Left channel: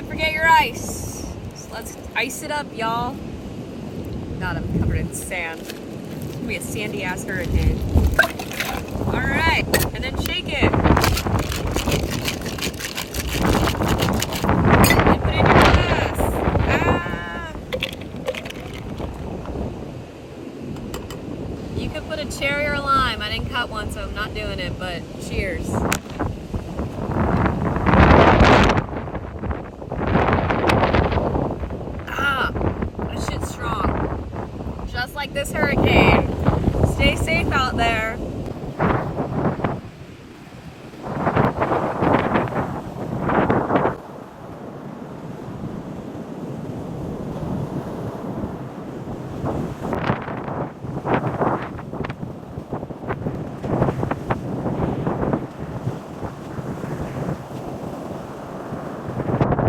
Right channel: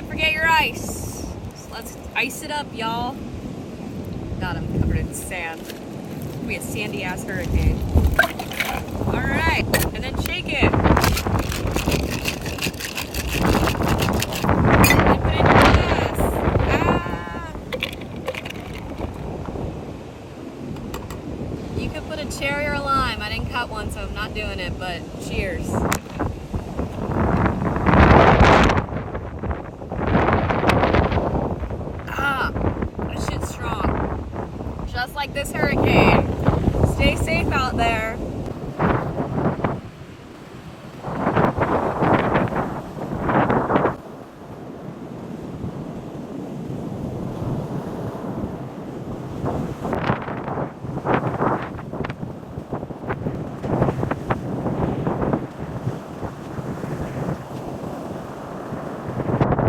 Can't forget your ice. So let's ice it up, y'all. God, I'm covered in sand. It's gonna be a sandy ass hurricane. All right, and then shake it. And put it in your glass. Ah. You could put a cherry or a lime. I didn't cut one, so I'm not doing it, but cheers. That shit's strong. Just like this hurricane. Stay safe out there.